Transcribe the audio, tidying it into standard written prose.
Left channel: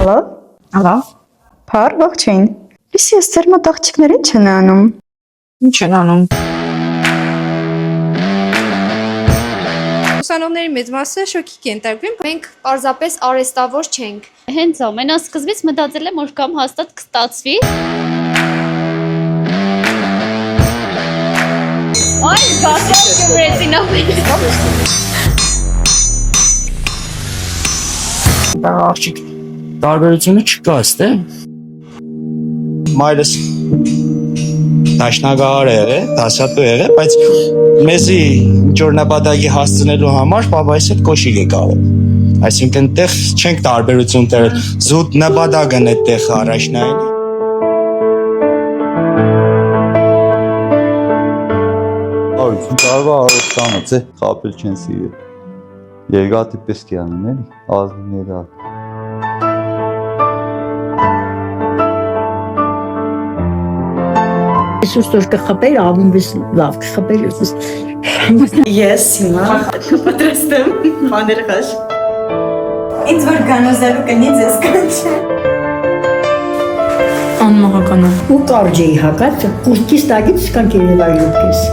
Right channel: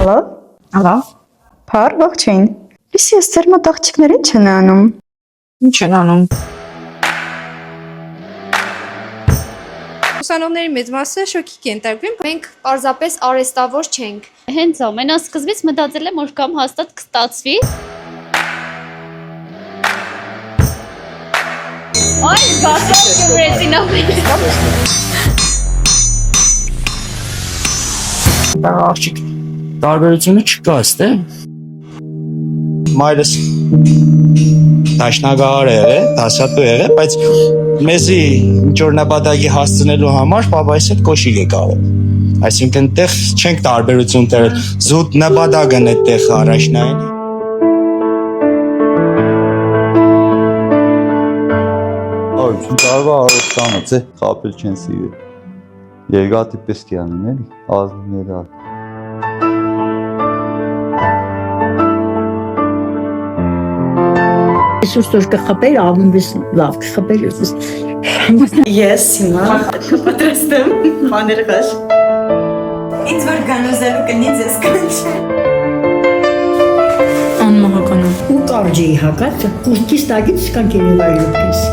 Ալո, Ալո, փար ողջույն։ Լիսի ես ձեր մոտ աղջիկներ ինչ են անում։ ինչ են անում։ Ուսանողների մեծ մասը շոկի կենտարկվեն։ Մենք պարզապես արեստավոր չենք։ Հենց ամենասկզբից մտածել եմ, որ կամ հաստատ կստացվի։ Այ գասած կվրեցին ամենից։ Դա աղջիկ տարբերությունը չկա, ստե։ Մայրս դաշնագահար է եղել, դասատու եղել, բայց մեզի ինչ որ նպատակի հասցնելու համար պապայիս հետ կոշիկ է կարել։ Այսինքն տեղ չենք տարբերություն տերել, զուտ նպատակն է տեղ առաջնային։ Արություն տարվա արոստանը ձե խապել չեն սիրել։ Երգատի պես կյանն էլի, ազնիներ ալ։ Այսուր որ կխփեր, ամենից լավ կխփեր։ Ես հիմա պատրաստ եմ բաներ խաշ։ Ինձ որ գանոզելու կնի ձեզ կանչե։ Անմահականա։ Ու կարճ էի հակած, կուրտքից տագից կան կերևայրուկես։